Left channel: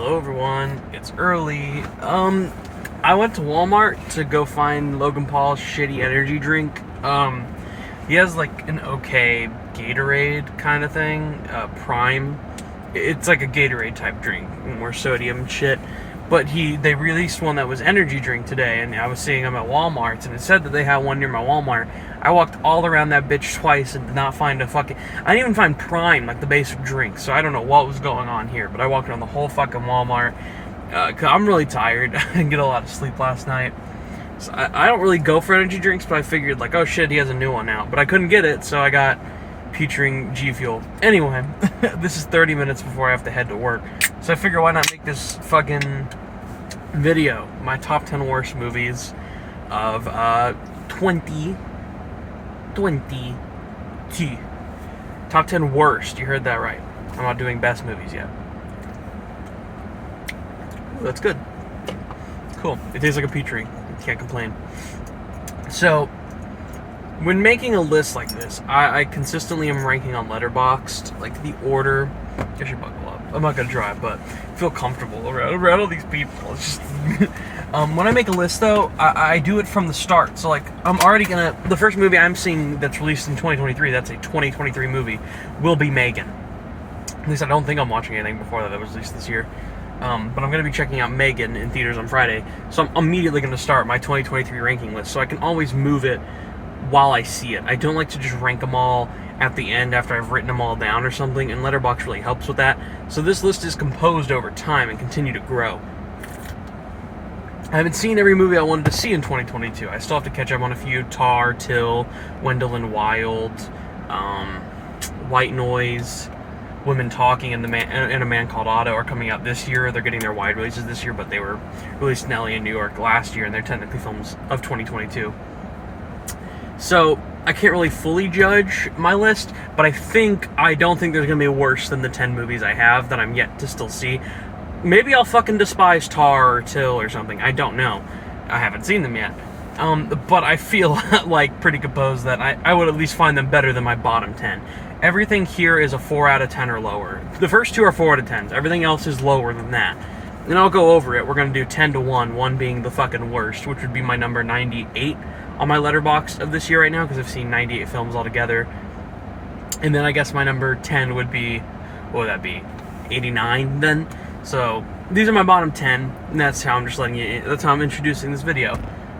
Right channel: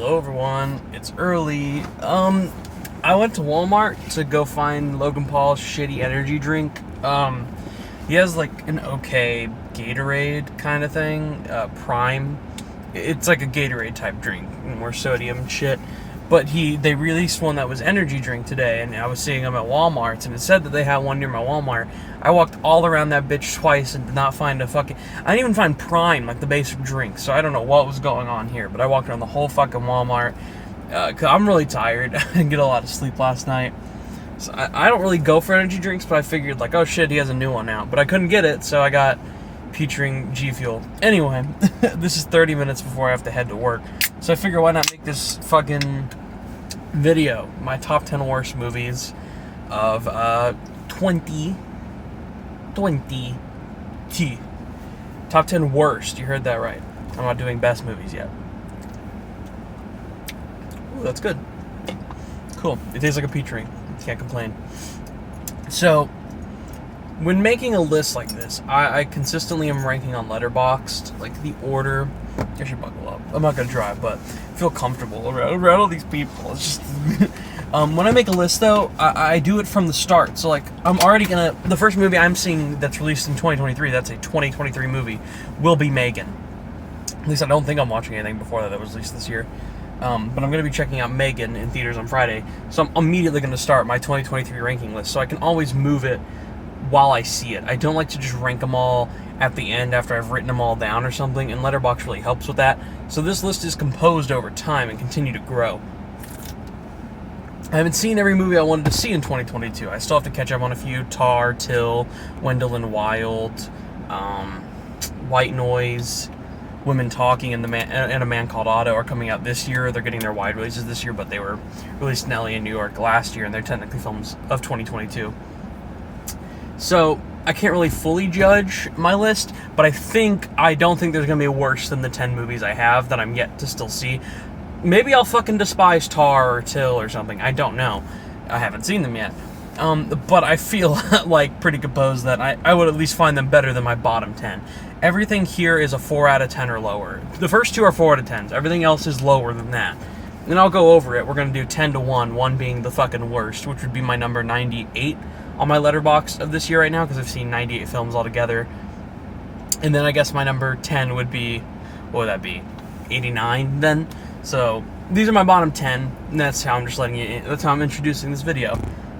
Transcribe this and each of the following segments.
Hello everyone, it's early. I went to Walmart to go find Logan Paul's shitty energy drink. He has like an okay Gatorade kind of thing, Prime. It's like a Gatorade type drink, more sodium and shit. But they released one that was energy drink today, and I was seeing them at Walmart's, and it said that they had one near my Walmart. I walked all around that bitch twice and did not find I didn't even find Prime, like the basic drink, so I don't know what was going on here, but I walked around the whole fucking Walmart, cause I'm really tired. I didn't get a lot of sleep last night. So I don't really go for energy drinks, but I figured, like, oh shit, he has a new one out. But I couldn't get it, so I got featuring G Fuel. Anyway, this is 30 minutes before I have to head to work. So I figure why not make this fucking video, my top 10 worst movies of 2020. Top 10 worst, you heard that right. I'm not doing best movies yet. Ooh, that's good. Cool. It tastes like a peach ring. Can't complain. So, when making a list like this, I consistently am ranking on Letterboxd, like the order. I should buckle up. I'm not gonna drive, but feel comfortable around all these people. It's just when I make a list, though, I do it from the start. So, like, I'm already gonna. The first movie I'm seeing that's released in 2023, that's a 2023 movie, will be Megan. At least I don't think I'm watching anything before that was released this year. But I'm going to be checking out Megan in theaters on Friday, so I'm immediately going to start my 2023 ranking list, so I can always move it while I see it. I don't like to just rank them all at the end after I've written them all down or something, and Letterboxd really helps with that. So this list is composed over time and continue to grow. I haven't seen every movie I wanted to see in 2022. I still have to catch up on a few. Tar, Till, Wendell and Wild, White Noise, Women Talking, and A Man Called Otto are coming out this year. They're getting their wide releases this year, but they were released in LA and New York last year, and they're technically films of 2022. So I can't really fully judge my list, but I don't think there's going to be worse than the 10 movies I have that I'm yet to still see. Maybe I'll fucking despise Tar or Till or something. I don't know. I haven't seen them yet. But I feel like pretty composed that I would at least find them better than my bottom 10. Everything here is a 4 out of 10 or lower. The first two are 4 out of 10s. Everything else is lower than that. And I'll go over it. We're going to do 10 to 1, 1 being the fucking worst, which would be my number 98 on my Letterboxd of this year right now, because I've seen 98 films altogether. And then I guess my number 10 would be, what would that be, 89 then? So these are my bottom 10, and that's how I'm just that's how I'm introducing this video.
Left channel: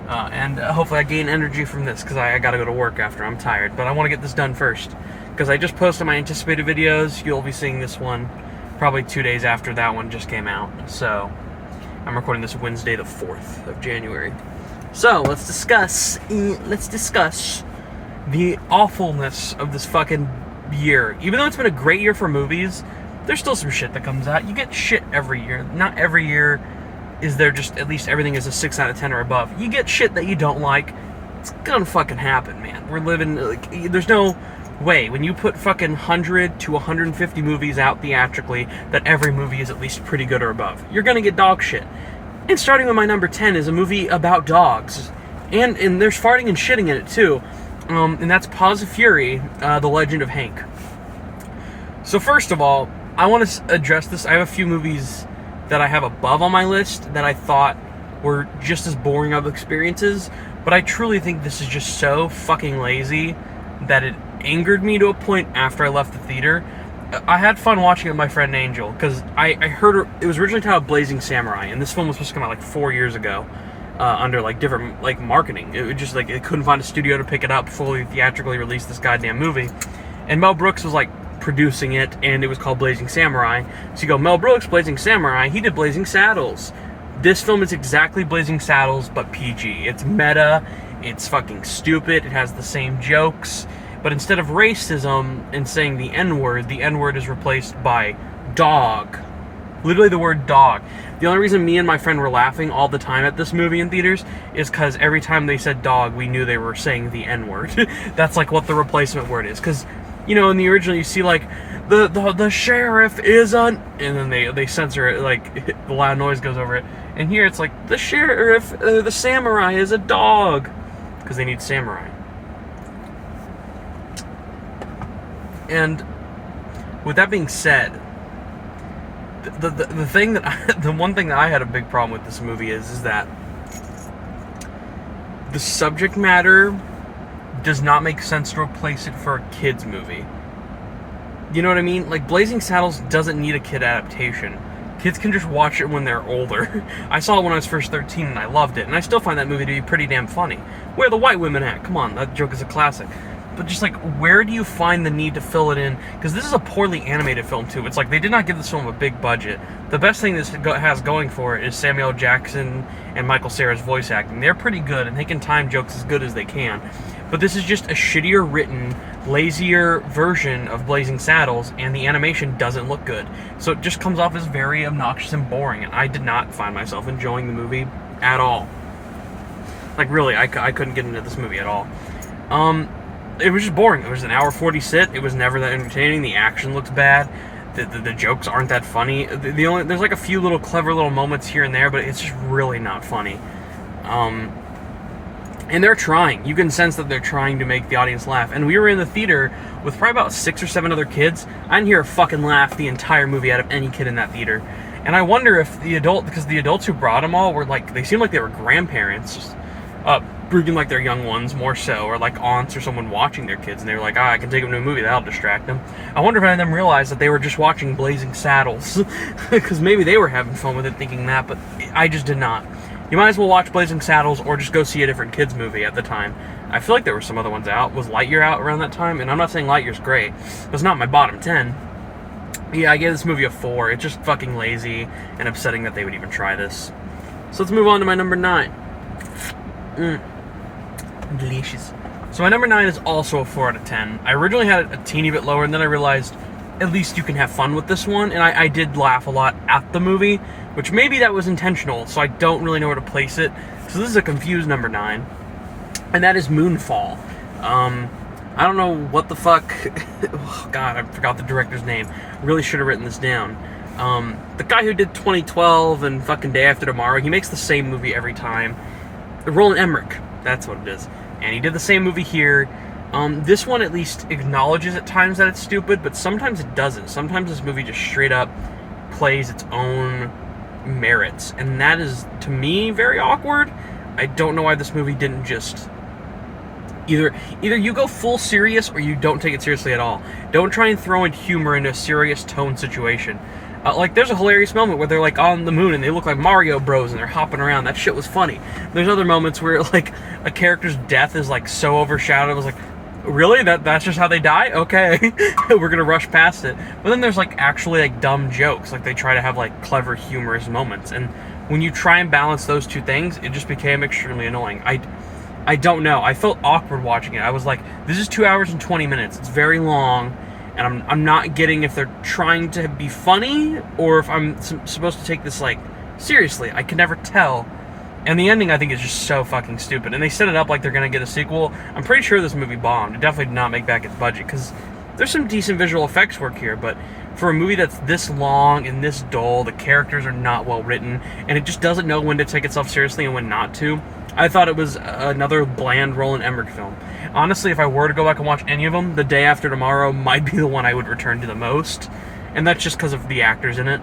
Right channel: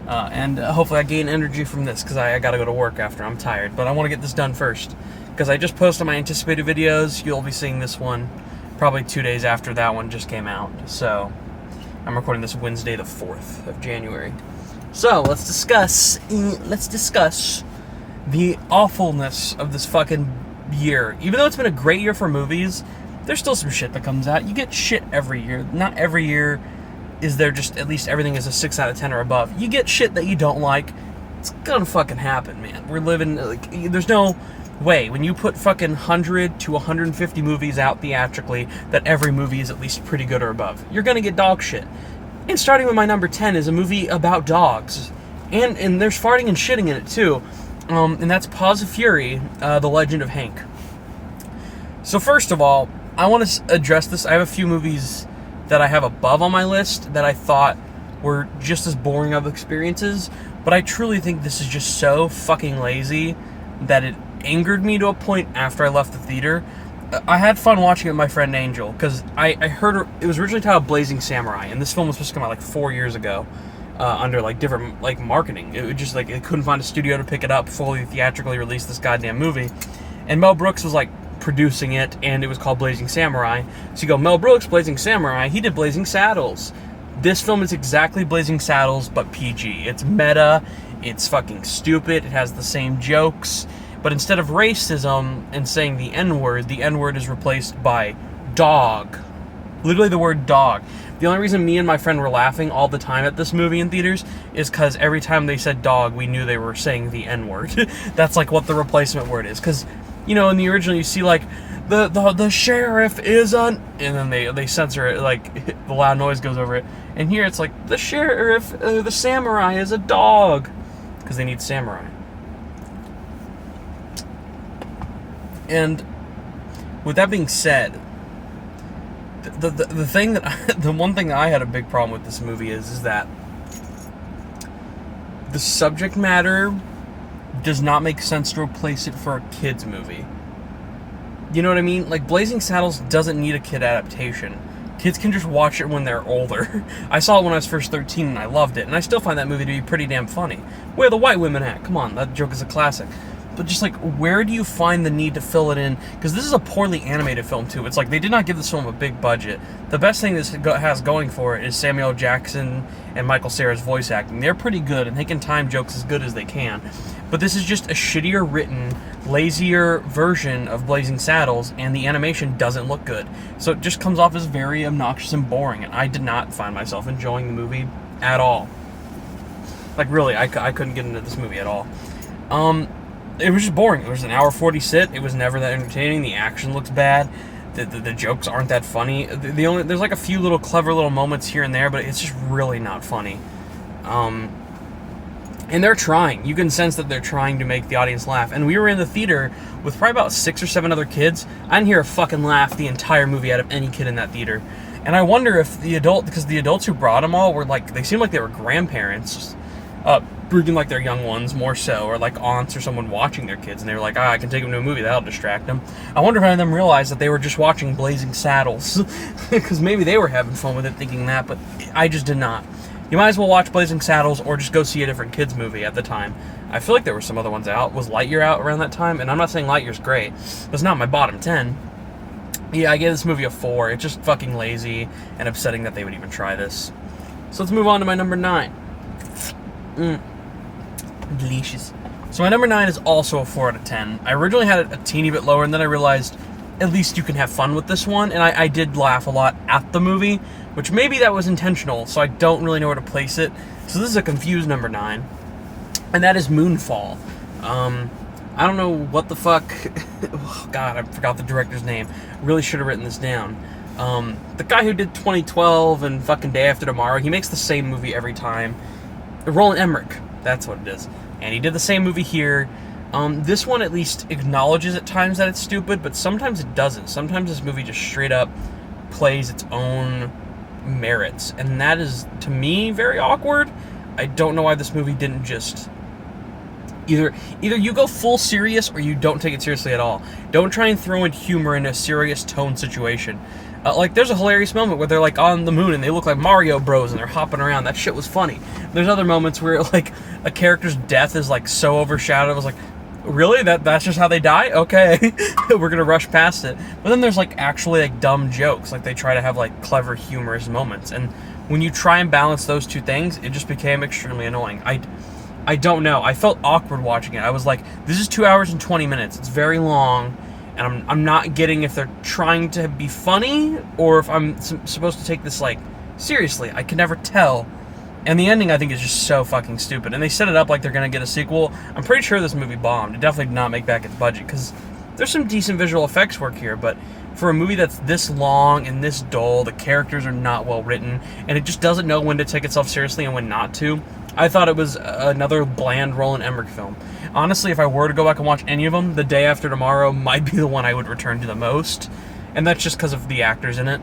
And hopefully I gain energy from this, because I got to go to work after. I'm tired, but I want to get this done first. Because I just posted my anticipated videos. You'll be seeing this one probably 2 days after that one just came out. So, I'm recording this Wednesday the 4th of January. So, let's discuss the awfulness of this fucking year. Even though it's been a great year for movies, there's still some shit that comes out. You get shit every year. Not every year is there just, at least everything is a 6 out of 10 or above. You get shit that you don't like. It's gonna fucking happen, man. We're living, like, there's no way, when you put fucking 100 to 150 movies out theatrically, that every movie is at least pretty good or above. You're gonna get dog shit. And starting with my number 10 is a movie about dogs. And there's farting and shitting in it, too. And that's Paws of Fury, The Legend of Hank. So first of all, I want to address this. I have a few movies that I have above on my list that I thought were just as boring of experiences, but I truly think this is just so fucking lazy that it angered me to a point after I left the theater. I had fun watching it with my friend Angel, because I heard it was originally titled Blazing Samurai, and this film was supposed to come out like 4 years ago, under like different like marketing. It was just like it couldn't find a studio to pick it up fully theatrically release this goddamn movie, and Mel Brooks was like producing it, and it was called Blazing Samurai. So you go, Mel Brooks, Blazing Samurai, he did Blazing Saddles. This film is exactly Blazing Saddles, but PG. It's meta, it's fucking stupid, it has the same jokes. But instead of racism and saying the N-word is replaced by dog. Literally the word dog. The only reason me and my friend were laughing all the time at this movie in theaters is because every time they said dog, we knew they were saying the N-word. That's like what the replacement word is. Because, you know, in the original you see like, the sheriff is an... And then they censor it, like, the loud noise goes over it. And here it's like, the sheriff, the samurai is a dog. Because they need samurai. And with that being said, The thing that the one thing that I had a big problem with this movie is that the subject matter does not make sense to replace it for a kids movie. You know what I mean? Like, Blazing Saddles doesn't need a kid adaptation. Kids can just watch it when they're older. I saw it when I was first 13 and I loved it, and I still find that movie to be pretty damn funny. Where are the white women at? Come on, that joke is a classic. But just like, where do you find the need to fill it in? Because this is a poorly animated film too. It's like they did not give this film a big budget. The best thing this has going for it is Samuel Jackson and Michael Cera's voice acting. They're pretty good, and they can time jokes as good as they can. But this is just a shittier written, lazier version of Blazing Saddles, and the animation doesn't look good. So it just comes off as very obnoxious and boring, and I did not find myself enjoying the movie at all. Like, really, I couldn't get into this movie at all. It was just boring. It was an hour 40 sit. It was never that entertaining. The action looks bad. The jokes aren't that funny. There's like a few little clever little moments here and there, but it's just really not funny. And they're trying. You can sense that they're trying to make the audience laugh. And we were in the theater with probably about 6 or 7 other kids. I didn't hear a fucking laugh the entire movie out of any kid in that theater. And I wonder if because the adults who brought them all were like, they seemed like they were grandparents, bringing like their young ones more so, or like aunts or someone watching their kids, and they were like, I can take them to a movie, that'll distract them. I wonder if any of them realized that they were just watching Blazing Saddles, because maybe they were having fun with it thinking that, but I just did not. You might as well watch Blazing Saddles or just go see a different kids movie at the time. I feel like there were some other ones out. Was Lightyear out around that time? And I'm not saying Lightyear's great. That's not my bottom 10. Yeah, I gave this movie a 4. It's just fucking lazy and upsetting that they would even try this. So let's move on to my number 9. Delicious. So my number 9 is also a 4 out of 10. I originally had it a teeny bit lower, and then I realized at least you can have fun with this one, and I did laugh a lot at the movie, which maybe that was intentional, so I don't really know where to place it. So this is a confused number 9, and that is Moonfall. I don't know what the fuck... Oh, God, I forgot the director's name. Really should have written this down. The guy who did 2012 and fucking Day After Tomorrow, he makes the same movie every time. Roland Emmerich, that's what it is. And he did the same movie here. This one at least acknowledges at times that it's stupid, but sometimes it doesn't. Sometimes this movie just straight up plays its own merits. And that is, to me, very awkward. I don't know why this movie didn't just... Either you go full serious or you don't take it seriously at all. Don't try and throw in humor in a serious tone situation. Like, there's a hilarious moment where they're, like, on the moon and they look like Mario Bros. And they're hopping around. That shit was funny. There's other moments where, like, a character's death is, like, so overshadowed. I was like, really? That's just how they die? Okay. We're gonna rush past it. But then there's, like, actually, like, dumb jokes. Like, they try to have, like, clever, humorous moments. And when you try and balance those two things, it just became extremely annoying. I don't know. I felt awkward watching it. I was like, this is 2 hours and 20 minutes. It's very long. And I'm not getting if they're trying to be funny or if I'm supposed to take this, like, seriously. I can never tell. And the ending, I think, is just so fucking stupid. And they set it up like they're going to get a sequel. I'm pretty sure this movie bombed. It definitely did not make back its budget because there's some decent visual effects work here. But for a movie that's this long and this dull, the characters are not well written, and it just doesn't know when to take itself seriously and when not to. I thought it was another bland Roland Emmerich film. Honestly, if I were to go back and watch any of them, The Day After Tomorrow might be the one I would return to the most. And that's just because of the actors in it.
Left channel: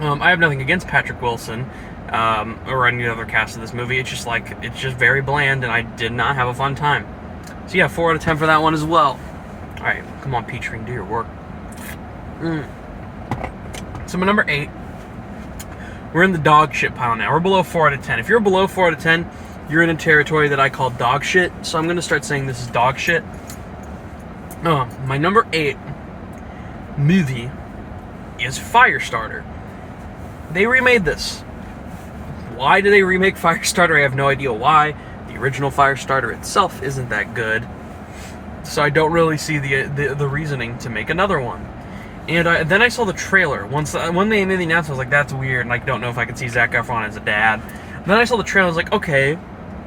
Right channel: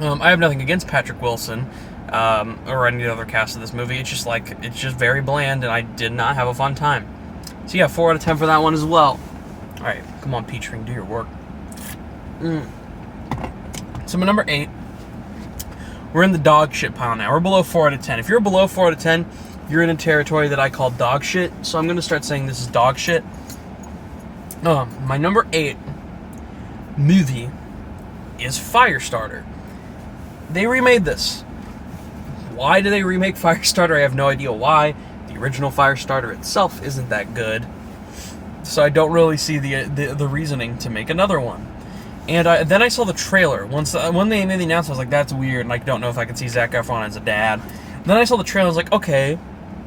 I have nothing against Patrick Wilson or any other cast of this movie. It's just like, it's just very bland, and I did not have a fun time. So yeah, 4 out of 10 for that one as well. Alright, come on, Peach Ring, do your work. So my number 8. We're in the dog shit pile now. We're below 4 out of 10. If you're below 4 out of 10, you're in a territory that I call dog shit. So I'm going to start saying this is dog shit. My number 8 movie is Firestarter. They remade this. Why do they remake Firestarter? I have no idea why. The original Firestarter itself isn't that good. So I don't really see the reasoning to make another one. And then I saw the trailer. When they made the announcement, I was like, that's weird, and I don't know if I could see Zac Efron as a dad. And then I saw the trailer, I was like, okay,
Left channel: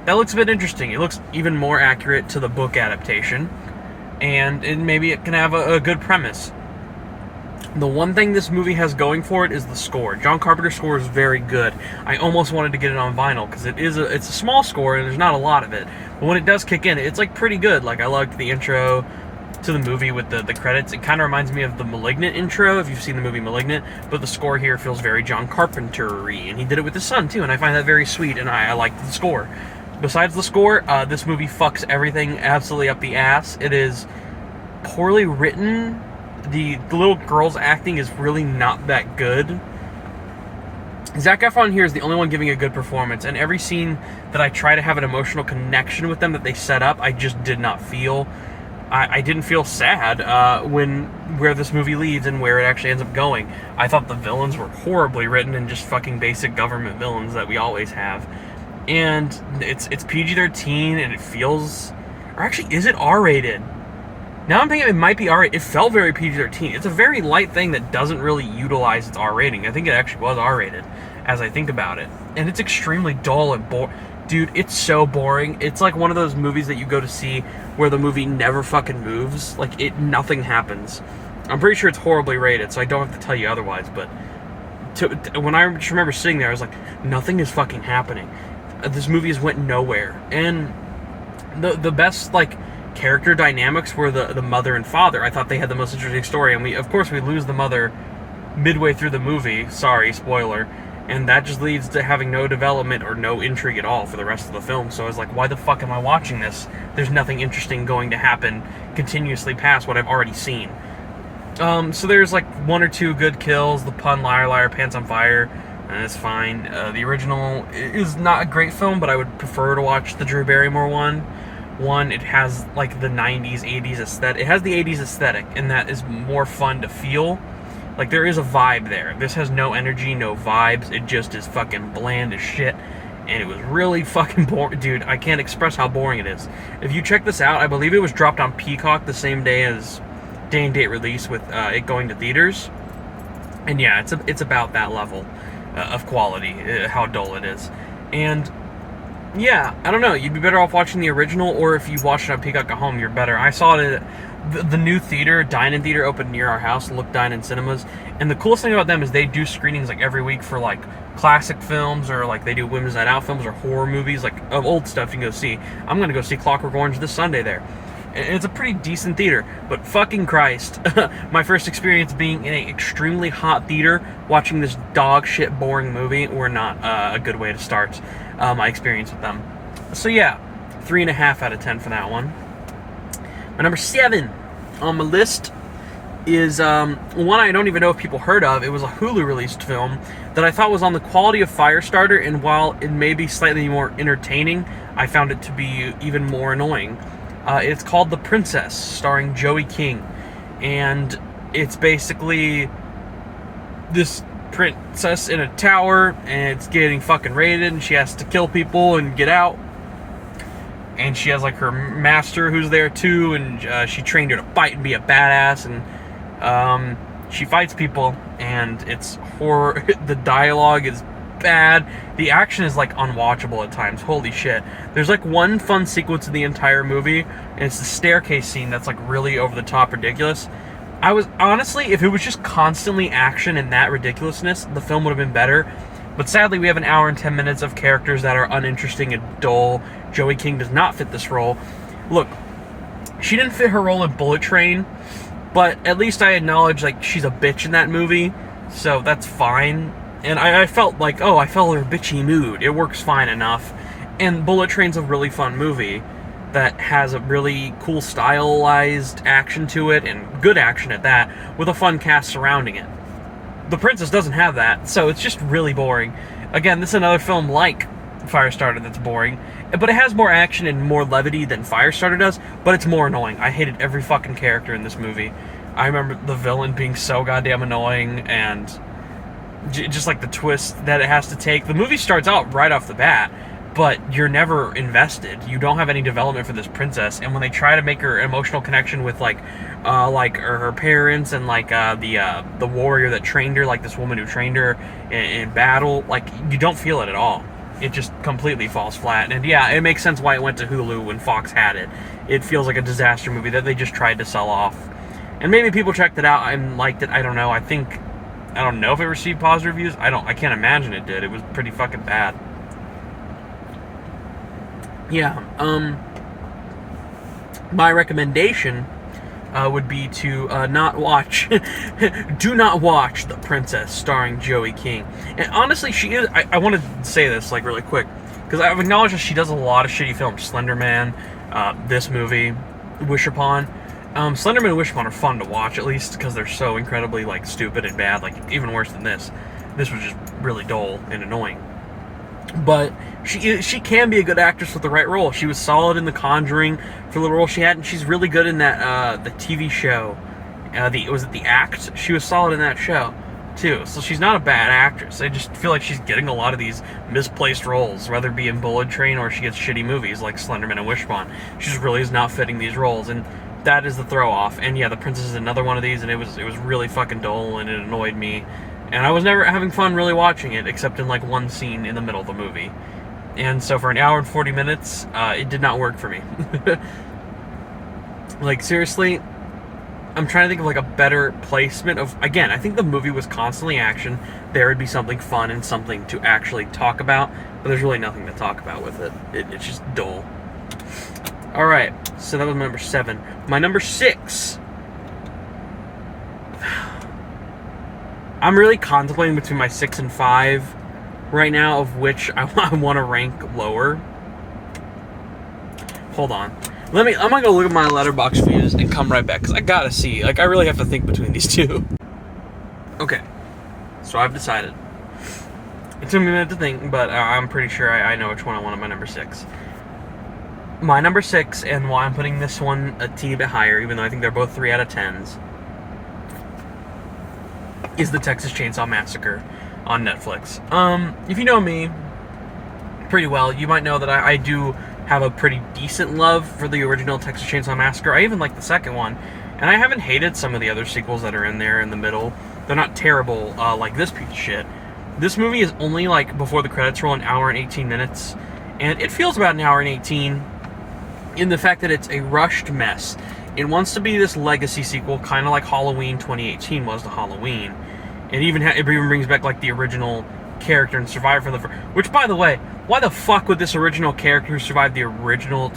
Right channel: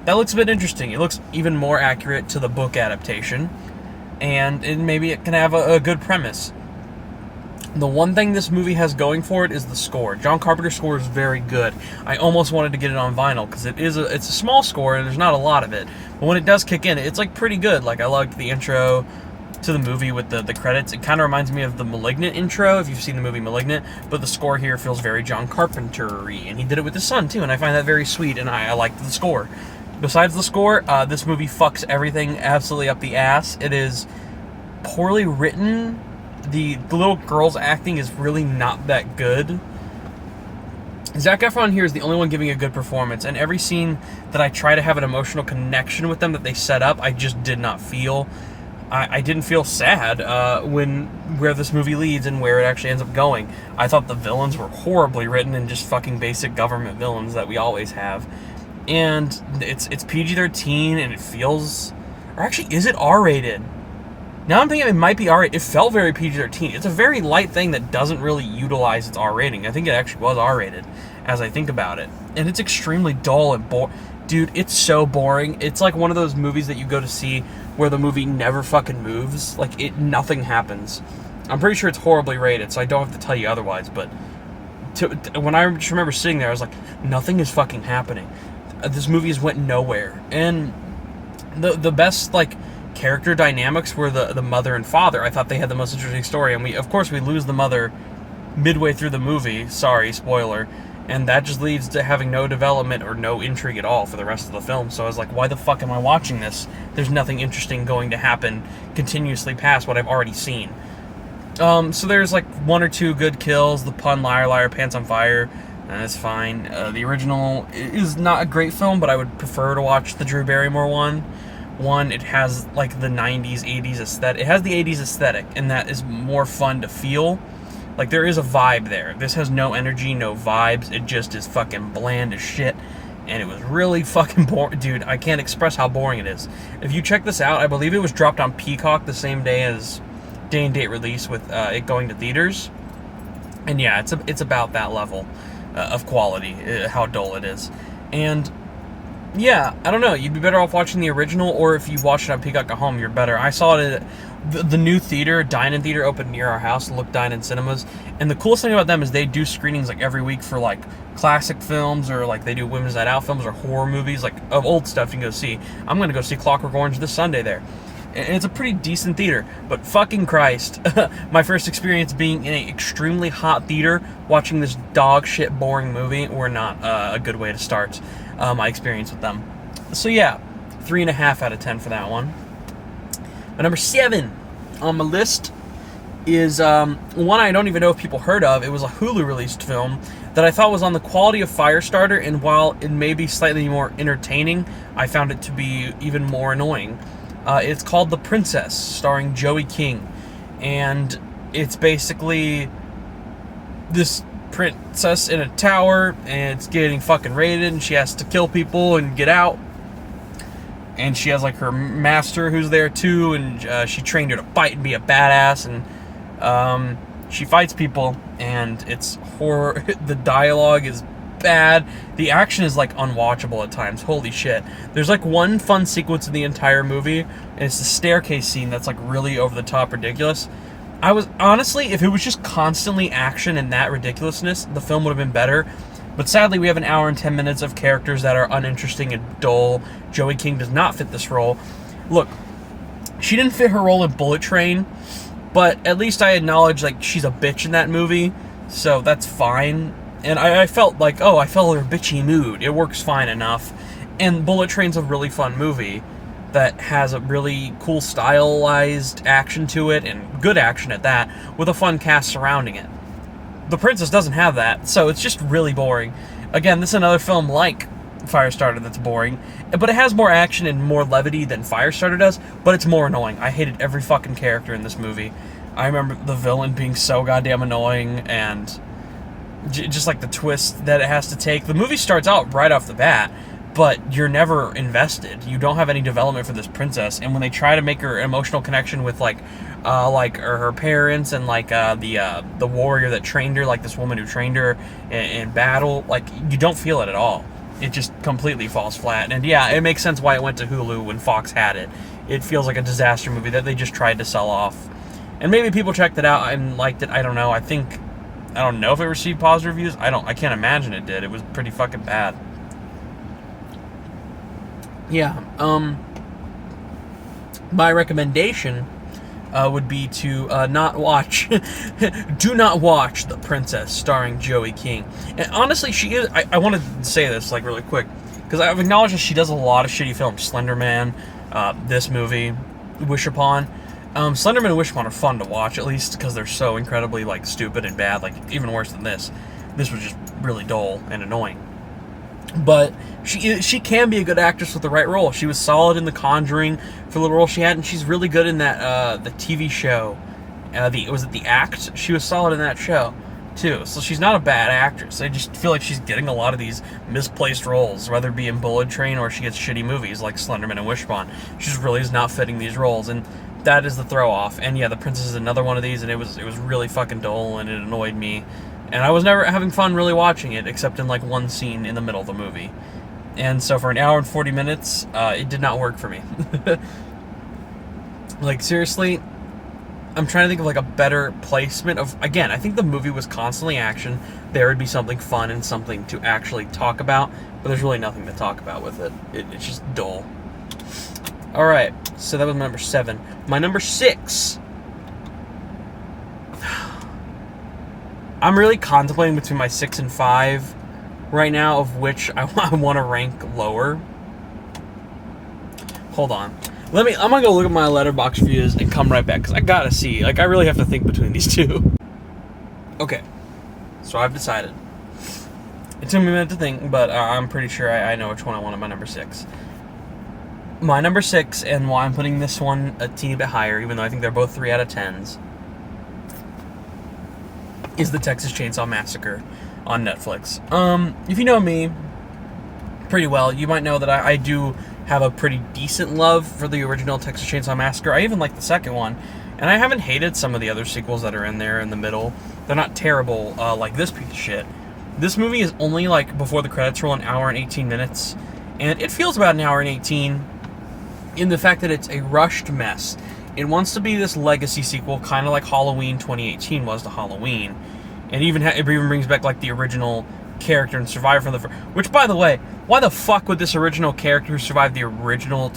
that looks a bit interesting. It looks even more accurate to the book adaptation, and maybe it can have a good premise. The one thing this movie has going for it is the score. John Carpenter's score is very good. I almost wanted to get it on vinyl, because it's a small score, and there's not a lot of it. But when it does kick in, it's, like, pretty good. Like, I liked the intro. to the movie with the credits. It kind of reminds me of the Malignant intro, if you've seen the movie Malignant, but the score here feels very John Carpenter-y, and he did it with his son too, and I find that very sweet, and I like the score. Besides the score, this movie fucks everything absolutely up the ass. It is poorly written. The little girl's acting is really not that good. Zac Efron here is the only one giving a good performance, and every scene that I try to have an emotional connection with them that they set up, I just did not feel. I didn't feel sad where this movie leads and where it actually ends up going. I thought the villains were horribly written and just fucking basic government villains that we always have. And it's PG-13, and it feels... Or actually, is it R-rated? Now I'm thinking it might be R-rated. It felt very PG-13. It's a very light thing that doesn't really utilize its R rating. I think it actually was R-rated, as I think about it. And it's extremely dull and boring. Dude, it's so boring. It's like one of those movies that you go to see where the movie never fucking moves. Like, nothing happens. I'm pretty sure it's horribly rated, so I don't have to tell you otherwise, but when I just remember sitting there, I was like, nothing is fucking happening. This movie just went nowhere. And the best, like, character dynamics were the mother and father. I thought they had the most interesting story, and we lose the mother midway through the movie. Sorry, spoiler. And that just leads to having no development or no intrigue at all for the rest of the film. So I was like, why the fuck am I watching this? There's nothing interesting going to happen continuously past what I've already seen. So there's like one or two good kills. The pun, liar, liar, pants on fire. And it's fine. The original is not a great film, but I would prefer to watch the Drew Barrymore one. It has like the 90s, 80s aesthetic. It has the 80s aesthetic, and that is more fun to feel. Like, there is a vibe there. This has no energy, no vibes. It just is fucking bland as shit. And it was really fucking boring. Dude, I can't express how boring it is. If you check this out, I believe it was dropped on Peacock the same day as day and date release with it going to theaters. And yeah, it's about that level of quality, how dull it is. And yeah, I don't know. You'd be better off watching the original, or if you watch it on Peacock at home, you're better. I saw it at the new theater, Dine-In Theater, opened near our house, Look Dine-In Cinemas. And the coolest thing about them is they do screenings like every week for like classic films, or like they do Women's Night Out films or horror movies, like of old stuff you can go see. I'm going to go see Clockwork Orange this Sunday there. And it's a pretty decent theater, but fucking Christ, my first experience being in an extremely hot theater watching this dog shit boring movie were not a good way to start my experience with them. So yeah, 3.5 out of 10 for that one. My number 7 on my list is one I don't even know if people heard of. It was a Hulu released film that I thought was on the quality of Firestarter, and while it may be slightly more entertaining, I found it to be even more annoying. It's called The Princess, starring Joey King, and it's basically this princess in a tower, and it's getting fucking raided, and she has to kill people and get out. And she has like her master who's there too, and she trained her to fight and be a badass, and she fights people, and it's horror. The dialogue is bad. The action is like unwatchable at times. Holy shit. There's like one fun sequence in the entire movie, and it's the staircase scene that's like really over the top ridiculous. I was honestly, if it was just constantly action and that ridiculousness, the film would have been better. But sadly, we have an hour and 10 minutes of characters that are uninteresting and dull. Joey King does not fit this role. Look, she didn't fit her role in Bullet Train, but at least I acknowledge like she's a bitch in that movie, so that's fine. And I felt like, oh, I felt her bitchy mood. It works fine enough. And Bullet Train's a really fun movie that has a really cool stylized action to it, and good action at that, with a fun cast surrounding it. The Princess doesn't have that, so it's just really boring. Again, this is another film like Firestarter that's boring, but it has more action and more levity than Firestarter does, but it's more annoying. I hated every fucking character in this movie. I remember the villain being so goddamn annoying, and just like the twist that it has to take. The movie starts out right off the bat, but you're never invested. You don't have any development for this princess, and when they try to make her emotional connection with like her parents and like the warrior that trained her, like this woman who trained her in battle, like you don't feel it at all. It just completely falls flat. And yeah, it makes sense why it went to Hulu when Fox had it. It feels like a disaster movie that they just tried to sell off. And maybe people checked it out and liked it. I don't know. I don't know if it received positive reviews. I can't imagine it did. It was pretty fucking bad. Yeah, my recommendation would be to not watch, do not watch The Princess starring Joey King. And honestly, she is, I want to say this like really quick, because I've acknowledged that she does a lot of shitty films. Slender Man, this movie, Wish Upon. Slender Man and Wish Upon are fun to watch, at least because they're so incredibly like stupid and bad, like even worse than this. This was just really dull and annoying. But she can be a good actress with the right role. She was solid in The Conjuring for the role she had, and she's really good in that the TV show. Was it The Act? She was solid in that show too. So she's not a bad actress. I just feel like she's getting a lot of these misplaced roles, whether it be in Bullet Train or she gets shitty movies like Slenderman and Wishbone. She just really is not fitting these roles, and that is the throw off. And yeah, The Princess is another one of these, and it was really fucking dull, and it annoyed me. And I was never having fun really watching it, except in like one scene in the middle of the movie. And so for an hour and 40 minutes, it did not work for me. Like, seriously, I'm trying to think of like a better placement of, again, I think the movie was constantly action. There would be something fun and something to actually talk about, but there's really nothing to talk about with it. It's just dull. Alright, so that was my number 7. My number 6... I'm really contemplating between my 6 and 5 right now, of which I want to rank lower. Hold on. I'm gonna go look at my letterbox views and come right back, because I gotta see. Like, I really have to think between these two. Okay. So I've decided. It took me a minute to think, but I'm pretty sure I know which one I want on my number 6. My number 6, and why I'm putting this one a teeny bit higher, even though I think they're both 3 out of 10s, is the Texas Chainsaw Massacre on Netflix. If you know me pretty well, you might know that I do have a pretty decent love for the original Texas Chainsaw Massacre. I even like the second one, and I haven't hated some of the other sequels that are in there in the middle. They're not terrible like this piece of shit. This movie is only, like, before the credits roll, an hour and 18 minutes, and it feels about an hour and 18 in the fact that it's a rushed mess. It wants to be this legacy sequel, kind of like Halloween 2018 was to Halloween. It even brings back, like, the original character and survivor from the first. Which, by the way, why the fuck would this original character who survived the original...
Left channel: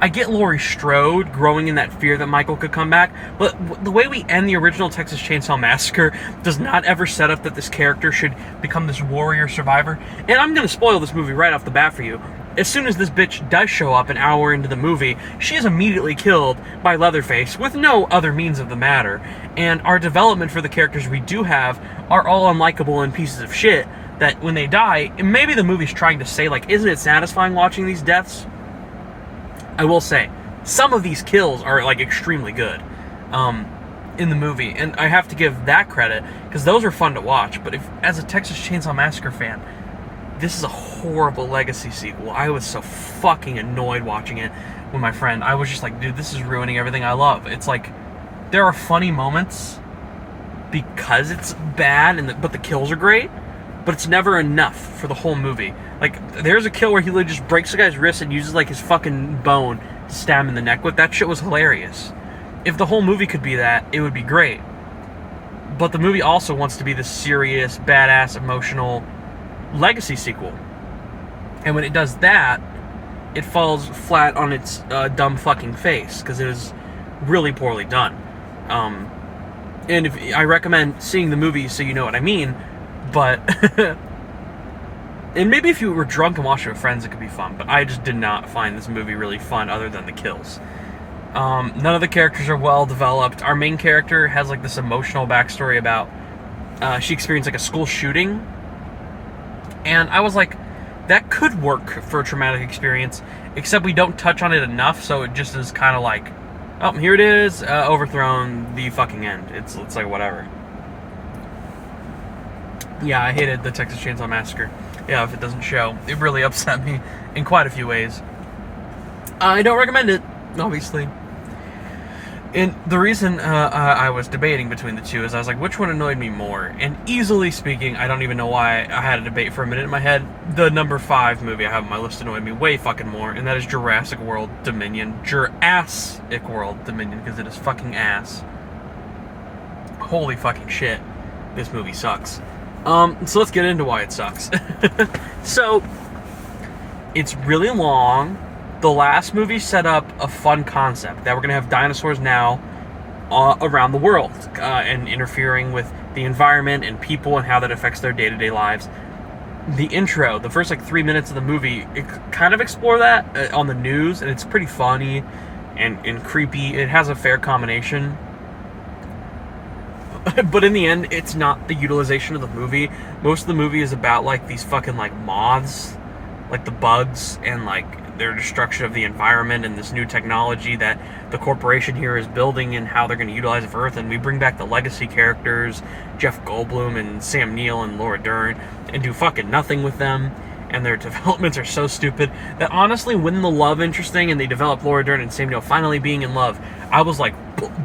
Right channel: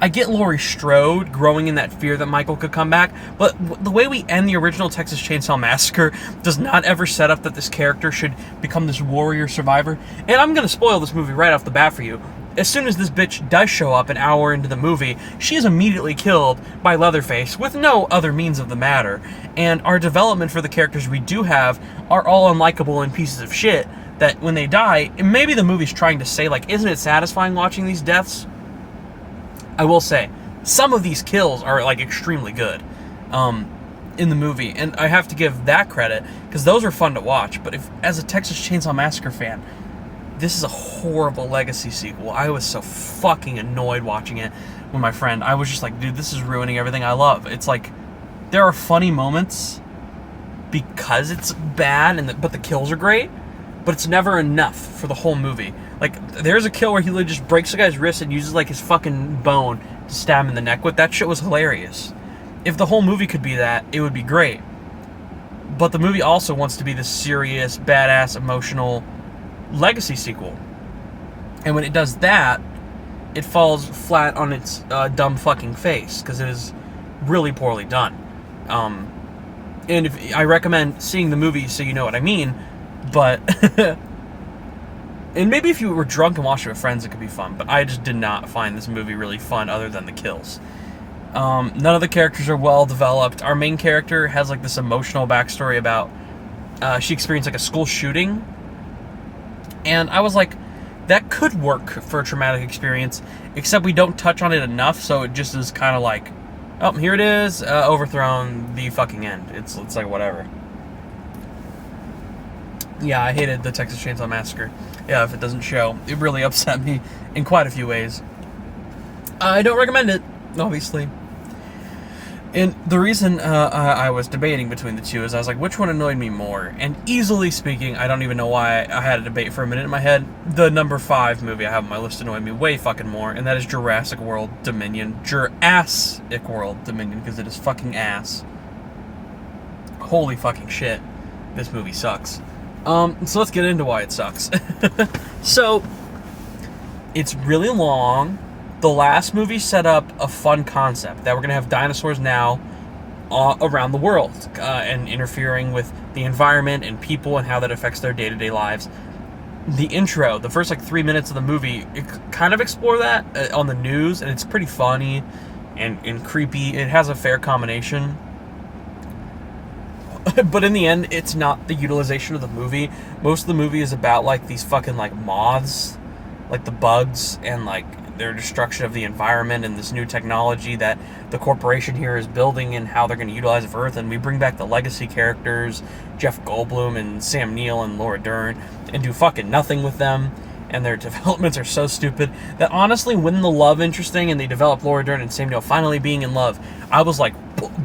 I get Laurie Strode growing in that fear that Michael could come back, but the way we end the original Texas Chainsaw Massacre does not ever set up that this character should become this warrior survivor. And I'm going to spoil this movie right off the bat for you. As soon as this bitch does show up an hour into the movie, she is immediately killed by Leatherface with no other means of the matter. And our development for the characters we do have are all unlikable and pieces of shit that when they die, maybe the movie's trying to say, like, isn't it satisfying watching these deaths? I will say, some of these kills are, like, extremely good in the movie. And I have to give that credit, because those are fun to watch. But if, as a Texas Chainsaw Massacre fan, this is a horrible legacy sequel. I was so fucking annoyed watching it with my friend. I was just like, dude, this is ruining everything I love. It's like, there are funny moments because it's bad, but the kills are great, but it's never enough for the whole movie. Like, there's a kill where he literally just breaks the guy's wrist and uses, like, his fucking bone to stab him in the neck with. That shit was hilarious. If the whole movie could be that, it would be great. But the movie also wants to be this serious, badass, emotional legacy sequel, and when it does that, it falls flat on its dumb fucking face, because it is really poorly done. And if I recommend seeing the movie so you know what I mean, but and maybe if you were drunk and watched it with friends, it could be fun, but I just did not find this movie really fun other than the kills. None of the characters are well developed. Our main character has, like, this emotional backstory about she experienced, like, a school shooting. And I was like, that could work for a traumatic experience, except we don't touch on it enough, so it just is kind of like, oh, here it is, overthrown, the fucking end. It's like, whatever. Yeah, I hated the Texas Chainsaw Massacre. Yeah, if it doesn't show. It really upset me in quite a few ways. I don't recommend it, obviously. And the reason I was debating between the two is I was like, which one annoyed me more? And easily speaking, I don't even know why I had a debate for a minute in my head. The number 5 movie I have on my list annoyed me way fucking more, and that is Jurassic World Dominion. Jurassic World Dominion, because it is fucking ass. Holy fucking shit. This movie sucks. So let's get into why it sucks. So, it's really long. The last movie set up a fun concept, that we're going to have dinosaurs now, around the world and interfering with the environment and people and how that affects their day-to-day lives. The intro, the first like 3 minutes of the movie, it kind of explore that on the news, and it's pretty funny and creepy. It has a fair combination. But in the end, it's not the utilization of the movie. Most of the movie is about like these fucking like moths, like the bugs, and like their destruction of the environment and this new technology that the corporation here is building and how they're going to utilize it for Earth. And we bring back the legacy characters, Jeff Goldblum and Sam Neill and Laura Dern, and do fucking nothing with them. And their developments are so stupid that honestly, when the love interesting and they develop Laura Dern and Sam Neill finally being in love, I was like,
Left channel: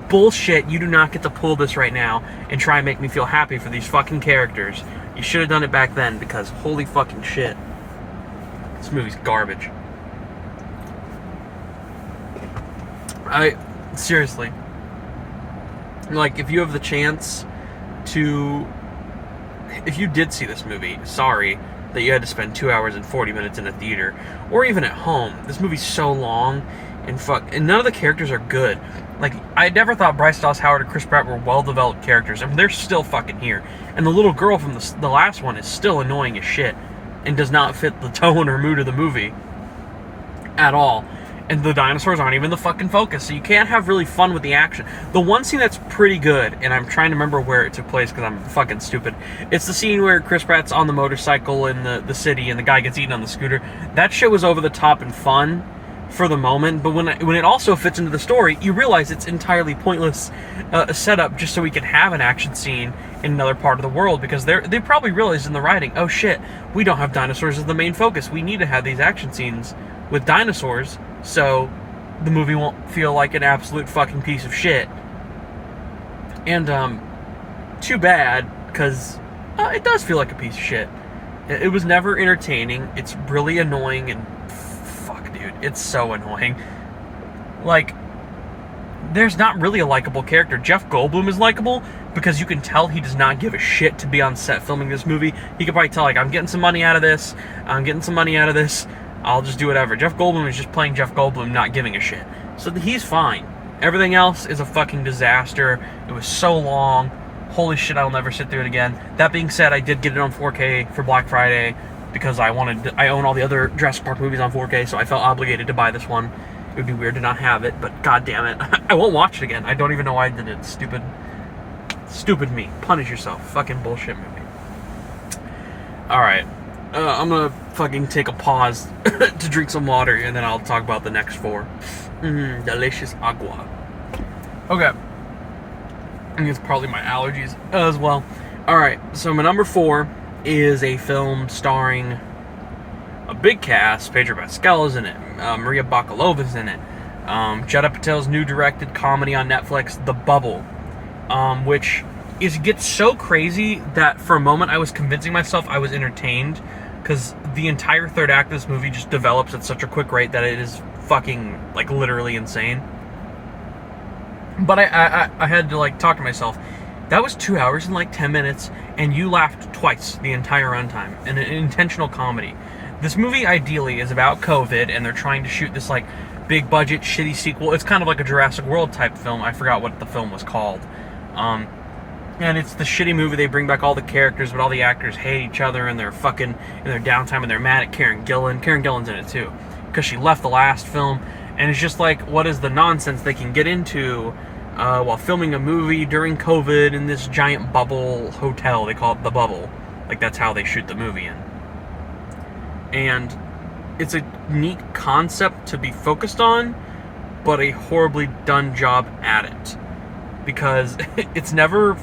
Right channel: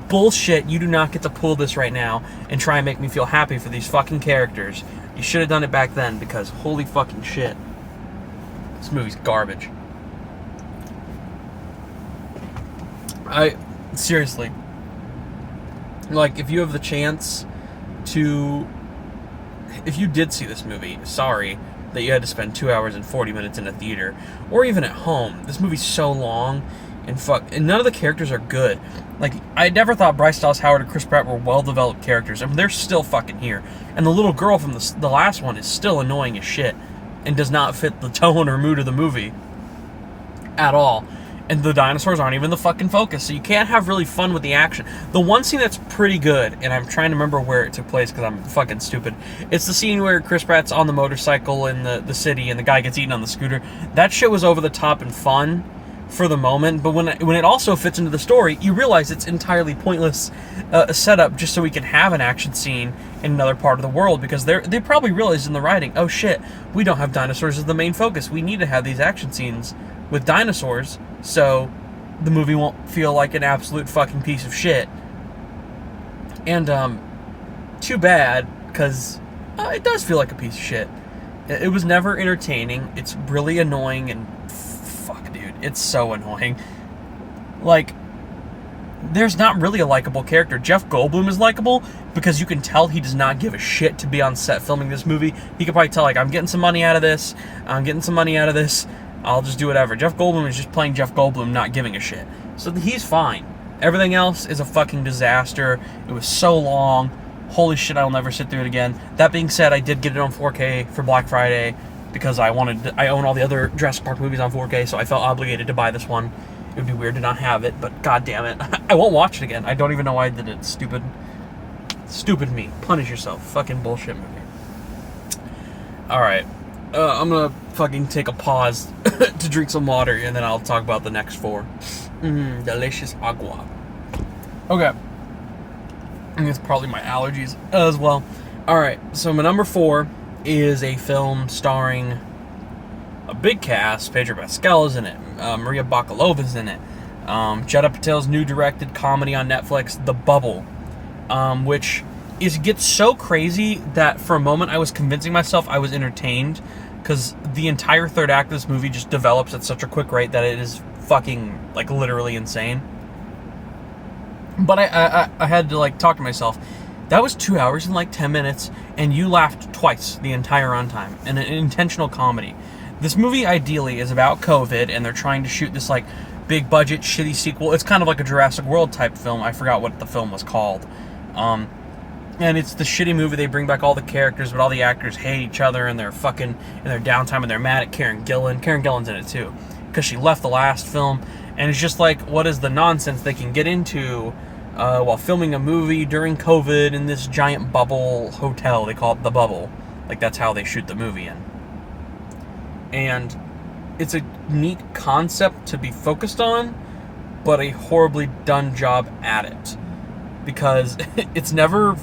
bullshit, you do not get to pull this right now and try and make me feel happy for these fucking characters. You should have done it back then, because holy fucking shit. This movie's garbage. Seriously. Like, if you have the chance to... If you did see this movie, sorry that you had to spend 2 hours and 40 minutes in a theater, or even at home. This movie's so long, and none of the characters are good. Like, I never thought Bryce Dallas Howard and Chris Pratt were well-developed characters, and they're still fucking here. And the little girl from the last one is still annoying as shit, and does not fit the tone or mood of the movie at all. And the dinosaurs aren't even the fucking focus, so you can't have really fun with the action. The one scene that's pretty good, and I'm trying to remember where it took place because I'm fucking stupid, it's the scene where Chris Pratt's on the motorcycle in the city and the guy gets eaten on the scooter. That shit was over the top and fun for the moment, but when it also fits into the story, you realize it's entirely pointless setup just so we can have an action scene in another part of the world, because they probably realized in the writing, oh shit, we don't have dinosaurs as the main focus. We need to have these action scenes with dinosaurs so the movie won't feel like an absolute fucking piece of shit. And too bad, because it does feel like a piece of shit. It was never entertaining. It's really annoying, and fuck, dude, it's so annoying. Like, there's not really a likable character. Jeff Goldblum is likable because you can tell he does not give a shit to be on set filming this movie. He could probably tell, like, I'm getting some money out of this. I'll just do whatever. Jeff Goldblum is just playing Jeff Goldblum, not giving a shit. So he's fine. Everything else is a fucking disaster. It was so long. Holy shit, I'll never sit through it again. That being said, I did get it on 4K for Black Friday because I own all the other Jurassic Park movies on 4K, so I felt obligated to buy this one. It would be weird to not have it, but god damn it. I won't watch it again. I don't even know why I did it. Stupid me. Punish yourself. Fucking bullshit movie. Alright. I'm gonna fucking take a pause to drink some water, and then I'll talk about the next four. Delicious agua. Okay. I think it's probably my allergies as well. Alright, so my number 4 is a film starring a big cast. Pedro Pascal is in it. Maria Bakalova's in it. Judd Apatow's new directed comedy on Netflix, The Bubble, which gets so crazy that for a moment I was convincing myself I was entertained, because the entire third act of this movie just develops at such a quick rate that it is fucking, like, literally insane. But I had to, like, talk to myself. That was 2 hours and, like, 10 minutes, and you laughed twice the entire runtime. And an intentional comedy. This movie, ideally, is about COVID, and they're trying to shoot this, like, big-budget, shitty sequel. It's kind of like a Jurassic World type film. I forgot what the film was called. And it's the shitty movie. They bring back all the characters, but all the actors hate each other, and they're fucking in their downtime, and they're mad at Karen Gillan. Karen Gillan's in it too, because she left the last film. And it's just like, what is the nonsense they can get into while filming a movie during COVID in this giant bubble hotel? They call it The Bubble. Like, that's how they shoot the movie in. And it's a neat concept to be focused on, but a horribly done job at it. Because it's never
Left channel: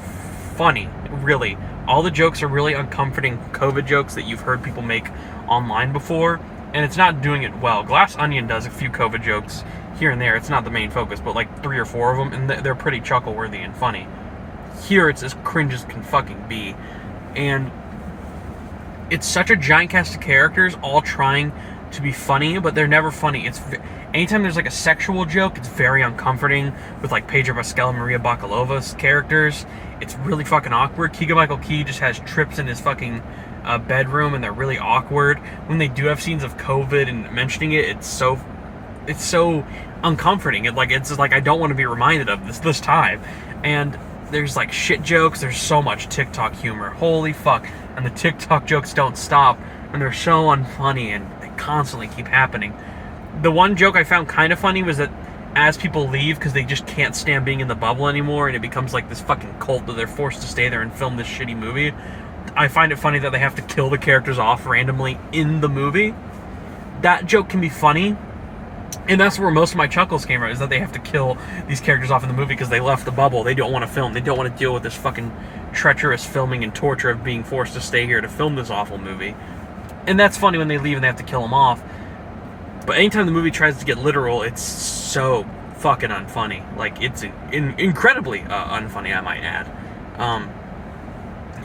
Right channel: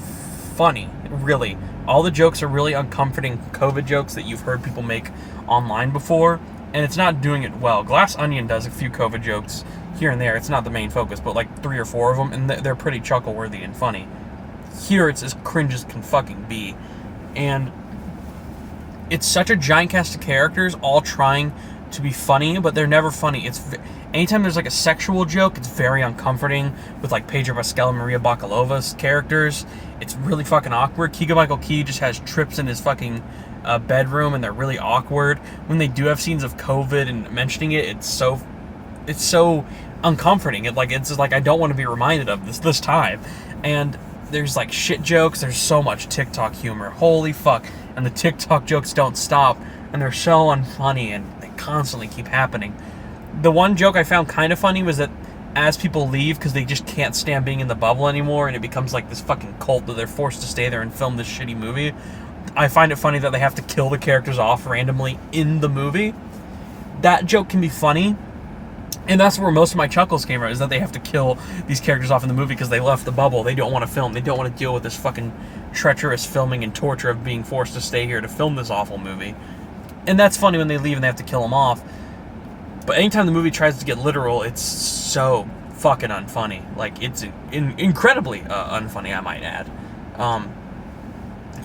funny, really. All the jokes are really uncomforting COVID jokes that you've heard people make online before, and it's not doing it well. Glass Onion does a few COVID jokes here and there. It's not the main focus, but like 3 or 4 of them, and they're pretty chuckle-worthy and funny. Here, it's as cringe as can fucking be. And it's such a giant cast of characters all trying to be funny, but they're never funny. Anytime there's like a sexual joke, it's very uncomforting with like Pedro Pascal and Maria Bakalova's characters. It's really fucking awkward. Keegan-Michael Key just has trips in his fucking bedroom, and they're really awkward. When they do have scenes of COVID and mentioning it, it's it's so uncomforting. It's just like I don't want to be reminded of this time. And there's like shit jokes. There's so much TikTok humor. Holy fuck! And the TikTok jokes don't stop, and they're so unfunny, and they constantly keep happening. The one joke I found kind of funny was that as people leave because they just can't stand being in the bubble anymore, and it becomes like this fucking cult that they're forced to stay there and film this shitty movie. I find it funny that they have to kill the characters off randomly in the movie. That joke can be funny, and that's where most of my chuckles came from, is that they have to kill these characters off in the movie because they left the bubble. They don't want to film. They don't want to deal with this fucking treacherous filming and torture of being forced to stay here to film this awful movie. And that's funny when they leave and they have to kill them off. But anytime the movie tries to get literal, it's so fucking unfunny. Like, it's incredibly unfunny, I might add.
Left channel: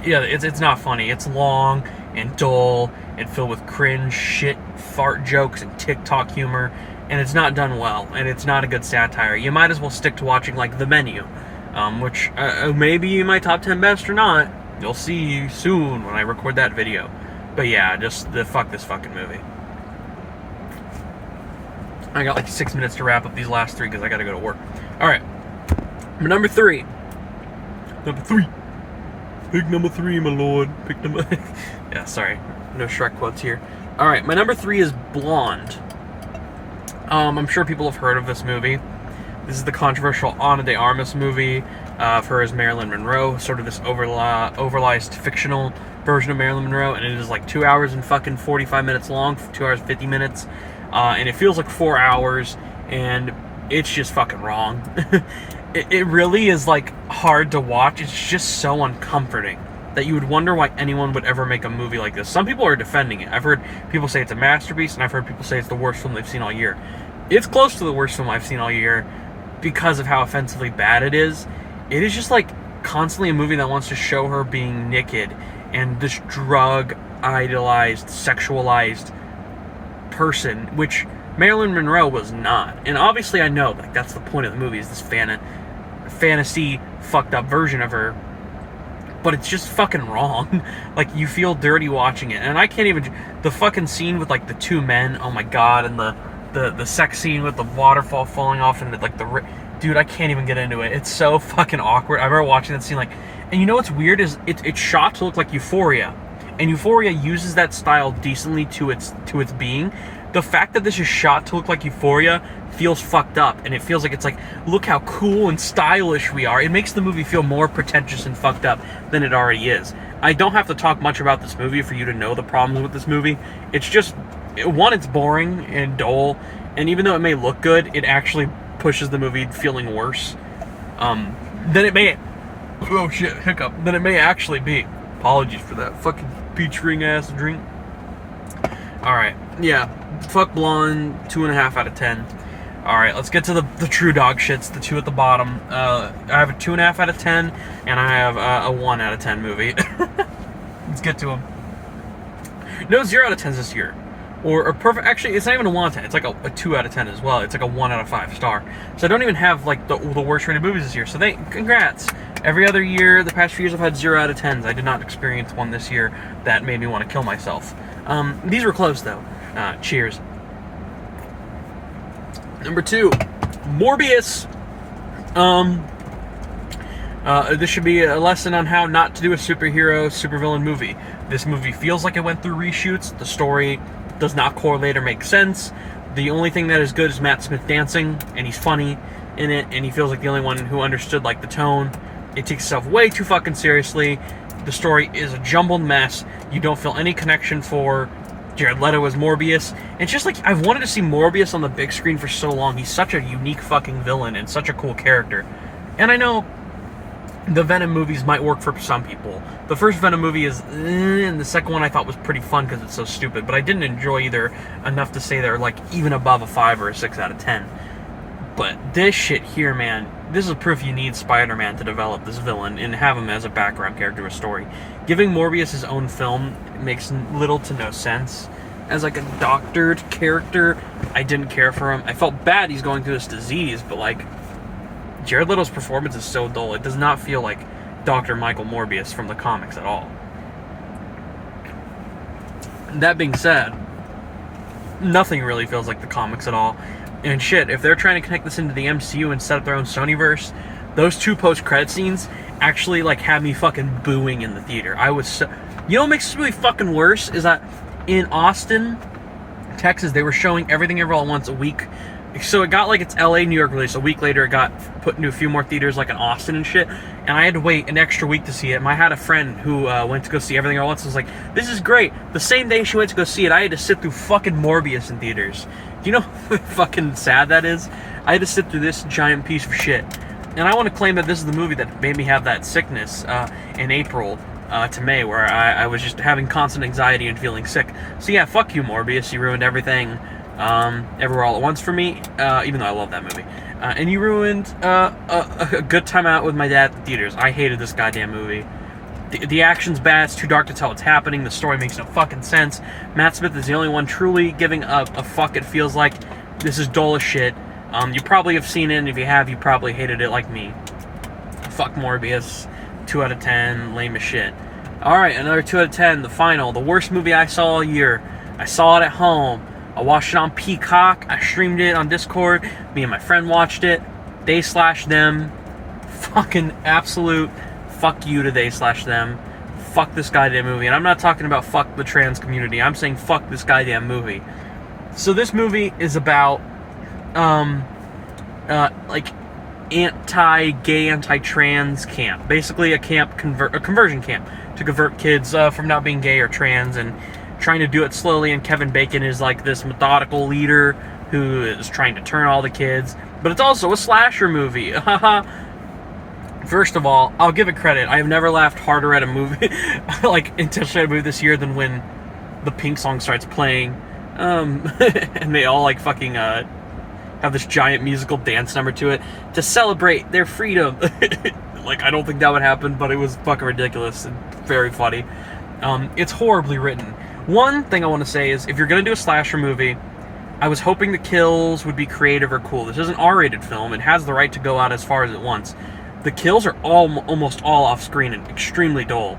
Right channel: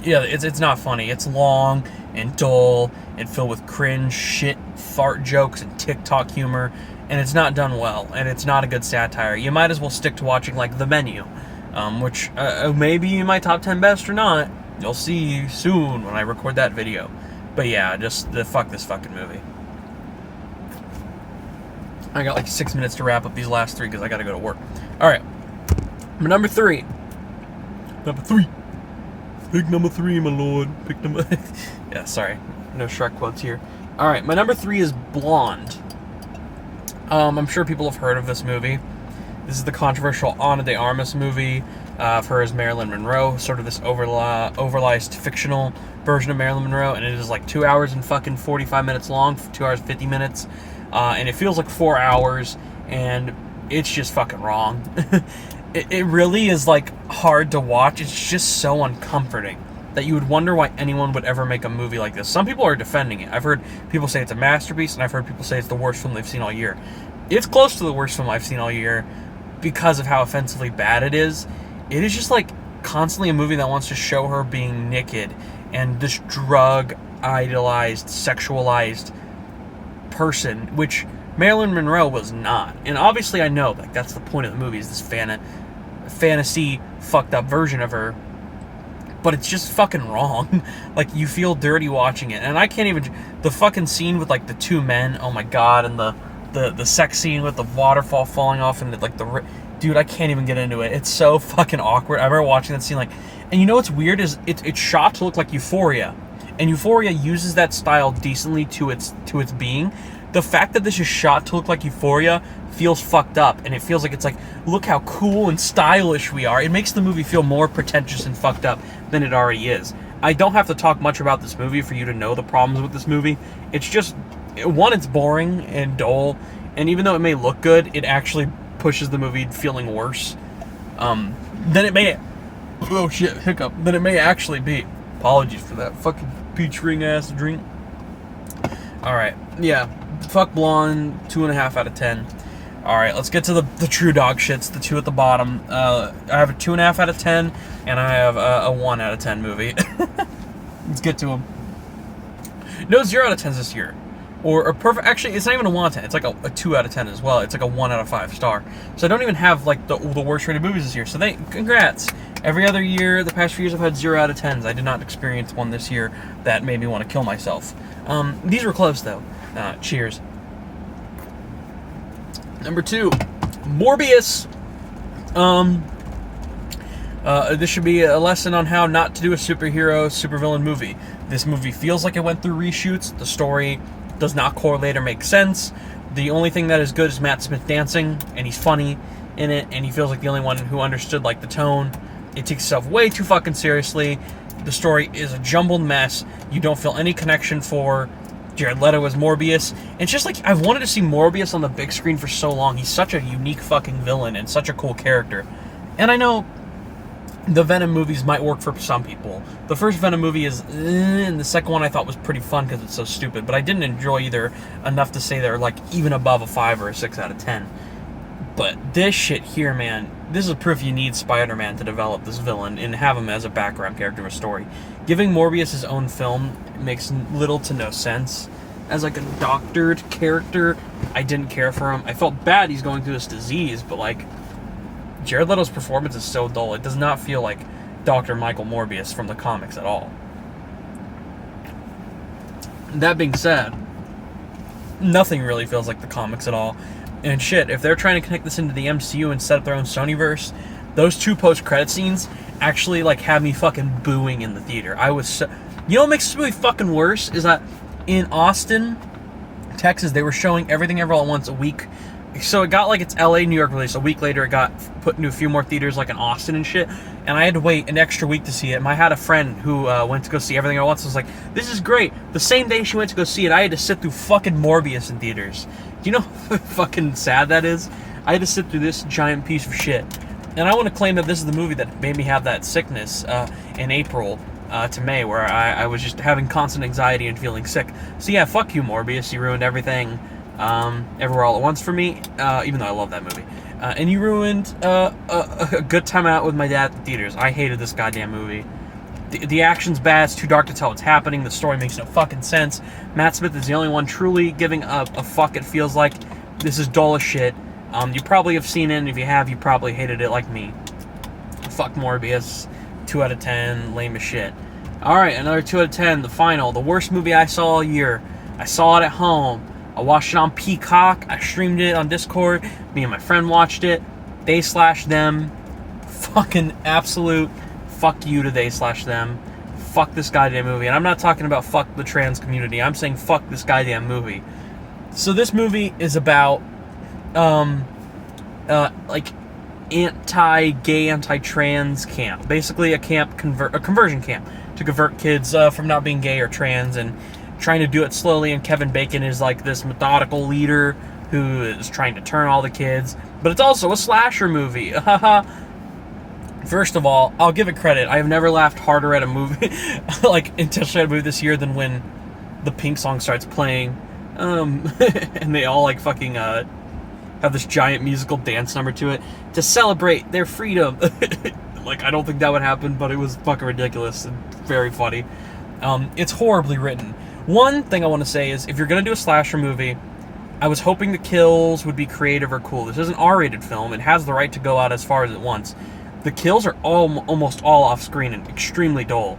Yeah, it's not funny. It's long and dull and filled with cringe, shit, fart jokes, and TikTok humor. And it's not done well. And it's not a good satire. You might as well stick to watching, like, The Menu. Which may be in my top 10 best or not. You'll see soon when I record that video. But yeah, just fuck this fucking movie. I got like 6 minutes to wrap up these last three because I gotta go to work. Alright. Number three. Pick number three, my lord. Pick number... Yeah, sorry. No Shrek quotes here. Alright, my number three is Blonde. I'm sure people have heard of this movie. This is the controversial Ana de Armas movie of her as Marilyn Monroe. Sort of this overliced fictional version of Marilyn Monroe. And it is like 2 hours and fucking 45 minutes long. 2 hours 50 minutes. And it feels like 4 hours, and it's just fucking wrong. It really is, like, hard to watch. It's just so uncomforting that you would wonder why anyone would ever make a movie like this. Some people are defending it. I've heard people say it's a masterpiece, and I've heard people say it's the worst film they've seen all year. It's close to the worst film I've seen all year because of how offensively bad it is. It is just, like, constantly a movie that wants to show her being naked and this drug-idolized, sexualized person, which Marilyn Monroe was not. And obviously I know like that's the point of the movie, is this fantasy fucked up version of her, but it's just fucking wrong. Like, you feel dirty watching it. And I can't even, the fucking scene with like the two men, oh my god, and the sex scene with the waterfall falling off and like dude, I can't even get into it. It's so fucking awkward. I remember watching that scene, like, and you know what's weird is it's shot to look like Euphoria. And Euphoria uses that style decently to its being. The fact that this is shot to look like Euphoria feels fucked up, and it feels like it's like, look how cool and stylish we are. It makes the movie feel more pretentious and fucked up than it already is. I don't have to talk much about this movie for you to know the problems with this movie. It's just, one, it's boring and dull, and even though it may look good, it actually pushes the movie feeling worse than it may. Oh shit, hiccup. Than it may actually be. Apologies for that fucking peach ring ass drink. Alright, yeah. Fuck Blonde, 2.5 out of 10. Alright, let's get to the true dog shits, the two at the bottom. I have a 2.5 out of 10, and I have a 1 out of 10 movie. Let's get to them. No 0 out of 10s this year. Or perfect, actually, it's not even a 1 out of 10. It's like a 2 out of 10 as well. It's like a 1 out of 5 star. So I don't even have like the worst rated movies this year. So congrats. Every other year, the past few years, I've had 0 out of 10s. I did not experience one this year that made me want to kill myself. These were close though. Cheers. Number 2, Morbius. This should be a lesson on how not to do a supervillain movie. This movie feels like it went through reshoots. The story does not correlate or make sense. The only thing that is good is Matt Smith dancing, and he's funny in it, and he feels like the only one who understood like the tone. It takes itself way too fucking seriously. The story is a jumbled mess. You don't feel any connection for Jared Leto as Morbius. It's just like, I've wanted to see Morbius on the big screen for so long. He's such a unique fucking villain and such a cool character. And I know the Venom movies might work for some people. The first Venom movie is and the second one I thought was pretty fun because it's so stupid, but I didn't enjoy either enough to say they're like even above a 5 or a 6 out of 10. But this shit here, man, this is proof you need Spider-Man to develop this villain and have him as a background character of a story. Giving Morbius his own film makes little to no sense. As like a doctored character, I didn't care for him. I felt bad he's going through this disease, but like, Jared Leto's performance is so dull. It does not feel like Dr. Michael Morbius from the comics at all. That being said, nothing really feels like the comics at all. And shit, if they're trying to connect this into the MCU and set up their own Sonyverse, those 2 post-credit scenes actually, like, had me fucking booing in the theater. I was so... You know what makes this movie fucking worse? Is that in Austin, Texas, they were showing Everything Everywhere All at Once a week. So it got, like, its LA, New York release. A week later, it got put into a few more theaters, like in Austin and shit. And I had to wait an extra week to see it. And I had a friend who went to go see Everything Everywhere All at Once. I was like, this is great. The same day she went to go see it, I had to sit through fucking Morbius in theaters. Do you know how fucking sad that is? I had to sit through this giant piece of shit. And I want to claim that this is the movie that made me have that sickness in April to May, where I was just having constant anxiety and feeling sick. So yeah, fuck you, Morbius. You ruined everything Everywhere All at Once for me, even though I love that movie. And you ruined a good time out with my dad at the theaters. I hated this goddamn movie. The action's bad, it's too dark to tell what's happening, the story makes no fucking sense. Matt Smith is the only one truly giving a fuck, it feels like. This is dull as shit. You probably have seen it, and if you have, you probably hated it like me. Fuck Morbius. 2 out of 10, lame as shit. Alright, another 2 out of 10, the final. The worst movie I saw all year. I saw it at home. I watched it on Peacock. I streamed it on Discord. Me and my friend watched it. They/them. Fucking absolute fuck you to they/them. Fuck this goddamn movie. And I'm not talking about fuck the trans community. I'm saying fuck this goddamn movie. So this movie is about, like, anti-gay, anti-trans camp. Basically a conversion camp to convert kids from not being gay or trans, and trying to do it slowly. And Kevin Bacon is like this methodical leader who is trying to turn all the kids. But it's also a slasher movie. First of all, I'll give it credit. I have never laughed harder at a movie, like intentionally at a movie this year, than when the Pink song starts playing, and they all like fucking have this giant musical dance number to it to celebrate their freedom. Like, I don't think that would happen, but it was fucking ridiculous and very funny. It's horribly written. One thing I want to say is, if you're gonna do a slasher movie, I was hoping the kills would be creative or cool. This is an R-rated film. It has the right to go out as far as it wants. The kills are almost all off-screen and extremely dull.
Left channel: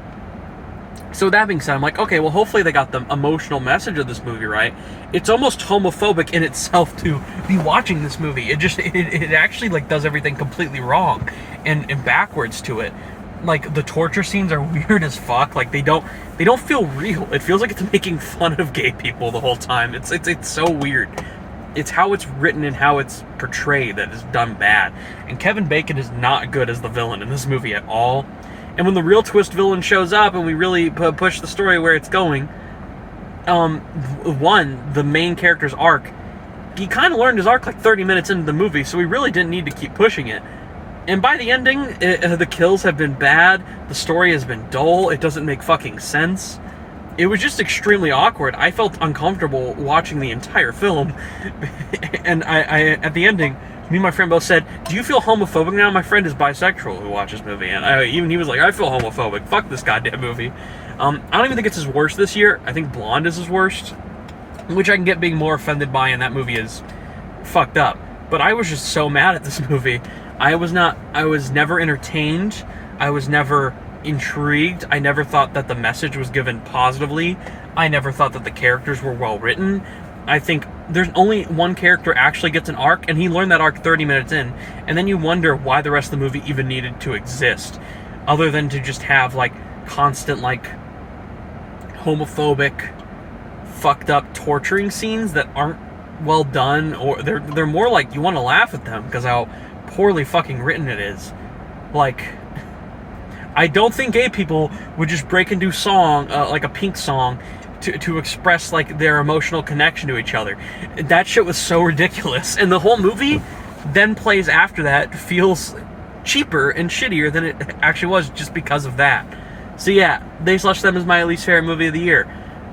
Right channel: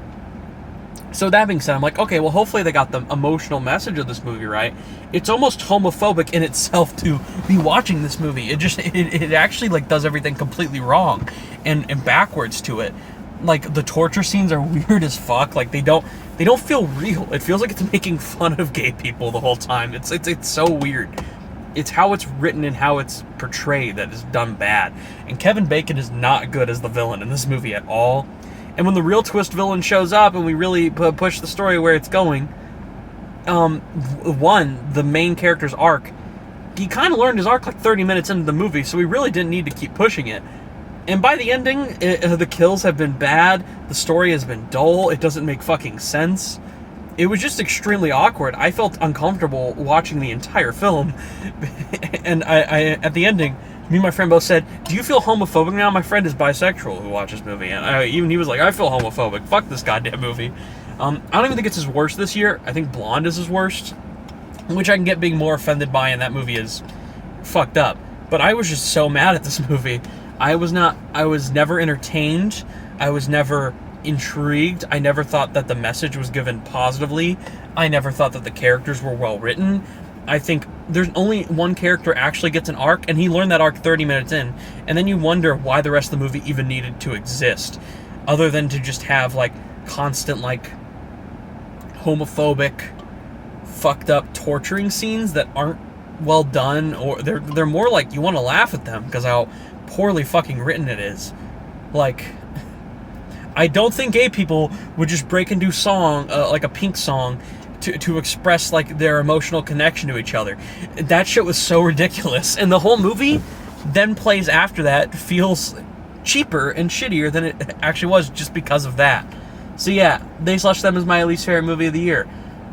So that being said, I'm like, okay, well, hopefully they got the emotional message of this movie right. It's almost homophobic in itself to be watching this movie. It actually, like, does everything completely wrong and backwards to it. Like, the torture scenes are weird as fuck. Like, they don't feel real. It feels like it's making fun of gay people the whole time. It's so weird. It's how it's written and how it's portrayed that is done bad. And Kevin Bacon is not good as the villain in this movie at all. And when the real twist villain shows up and we really push the story where it's going, the main character's arc, he kind of learned his arc like 30 minutes into the movie, so we really didn't need to keep pushing it. And by the ending, the kills have been bad, the story has been dull, it doesn't make fucking sense. It was just extremely awkward. I felt uncomfortable watching the entire film. And I at the ending, me and my friend both said, do you feel homophobic now? My friend is bisexual who watched this movie. And even he was like, I feel homophobic. Fuck this goddamn movie. I don't even think it's his worst this year. I think Blonde is his worst, which I can get being more offended by, and that movie is fucked up. But I was just so mad at this movie. I was never entertained. I was never intrigued. I never thought that the message was given positively. I never thought that the characters were well written. I think there's only one character actually gets an arc, and he learned that arc 30 minutes in, and then you wonder why the rest of the movie even needed to exist, other than to just have, like, constant, like, homophobic, fucked up torturing scenes that aren't well done, or they're more like you want to laugh at them because how poorly fucking written it is. Like, I don't think gay people would just break into song, like a Pink song, to express, like, their emotional connection to each other. That shit was so ridiculous. And the whole movie then plays after that feels cheaper and shittier than it actually was just because of that. So yeah, They/Them is my least favorite movie of the year.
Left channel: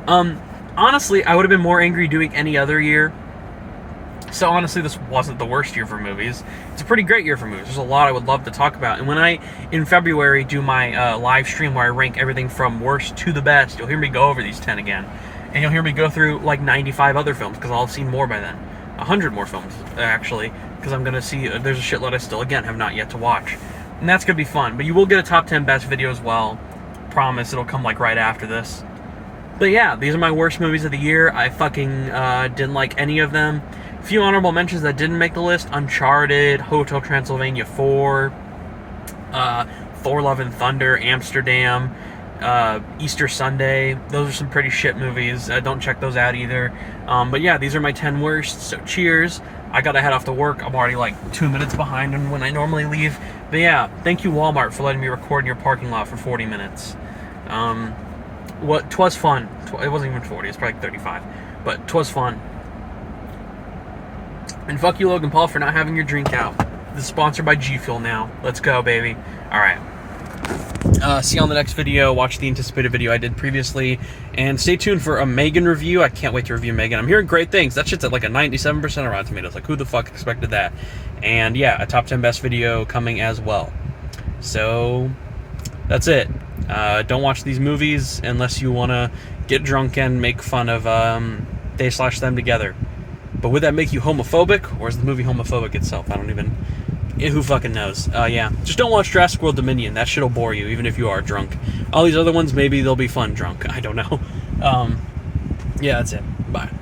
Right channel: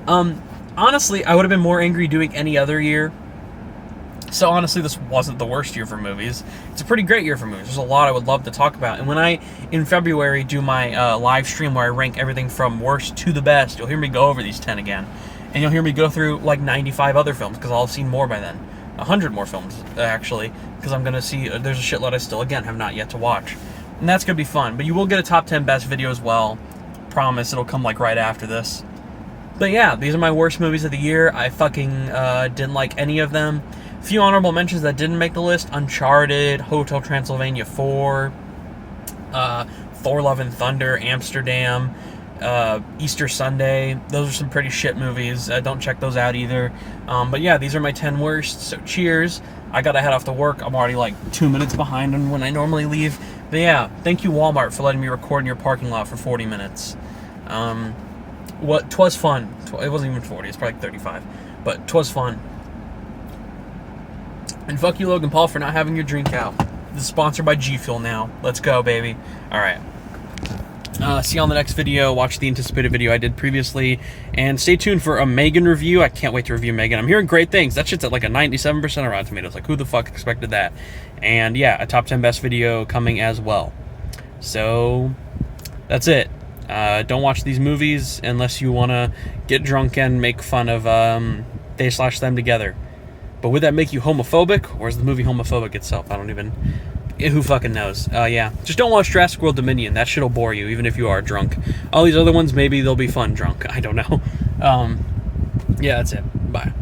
Honestly, I would have been more angry doing any other year. So honestly, this wasn't the worst year for movies. It's a pretty great year for movies. There's a lot I would love to talk about. And when I, in February, do my live stream where I rank everything from worst to the best, you'll hear me go over these 10 again. And you'll hear me go through like 95 other films, because I'll have seen more by then. 100 more films, actually, because I'm going to see, there's a shitload I still, again, have not yet to watch. And that's going to be fun. But you will get a top 10 best video as well. Promise, it'll come like right after this. But yeah, these are my worst movies of the year. I fucking didn't like any of them. A few honorable mentions that didn't make the list: Uncharted, Hotel Transylvania 4, Thor: Love and Thunder, Amsterdam, Easter Sunday. Those are some pretty shit movies. Don't check those out either. But yeah, these are my 10 worst. So cheers. I gotta head off to work. I'm already like 2 minutes behind on when I normally leave. But yeah, thank you Walmart for letting me record in your parking lot for 40 minutes. Twas fun. It wasn't even 40. It's probably like 35. But 'twas fun. And fuck you, Logan Paul, for not having your drink out. This is sponsored by G Fuel now. Let's go, baby. All right. See you on the next video. Watch the anticipated video I did previously. And stay tuned for a Megan review. I can't wait to review Megan. I'm hearing great things. That shit's at like a 97% of Rotten Tomatoes. Like, who the fuck expected that? And yeah, a top 10 best video coming as well. So, that's it. Don't watch these movies unless you want to get drunk and make fun of they/them together. But would that make you homophobic? Or is the movie homophobic itself? I don't even... Who fucking knows? Yeah. Just don't watch Jurassic World Dominion. That shit'll bore you, even if you are drunk. All these other ones, maybe they'll be fun drunk. I don't know. Yeah, that's it. Bye.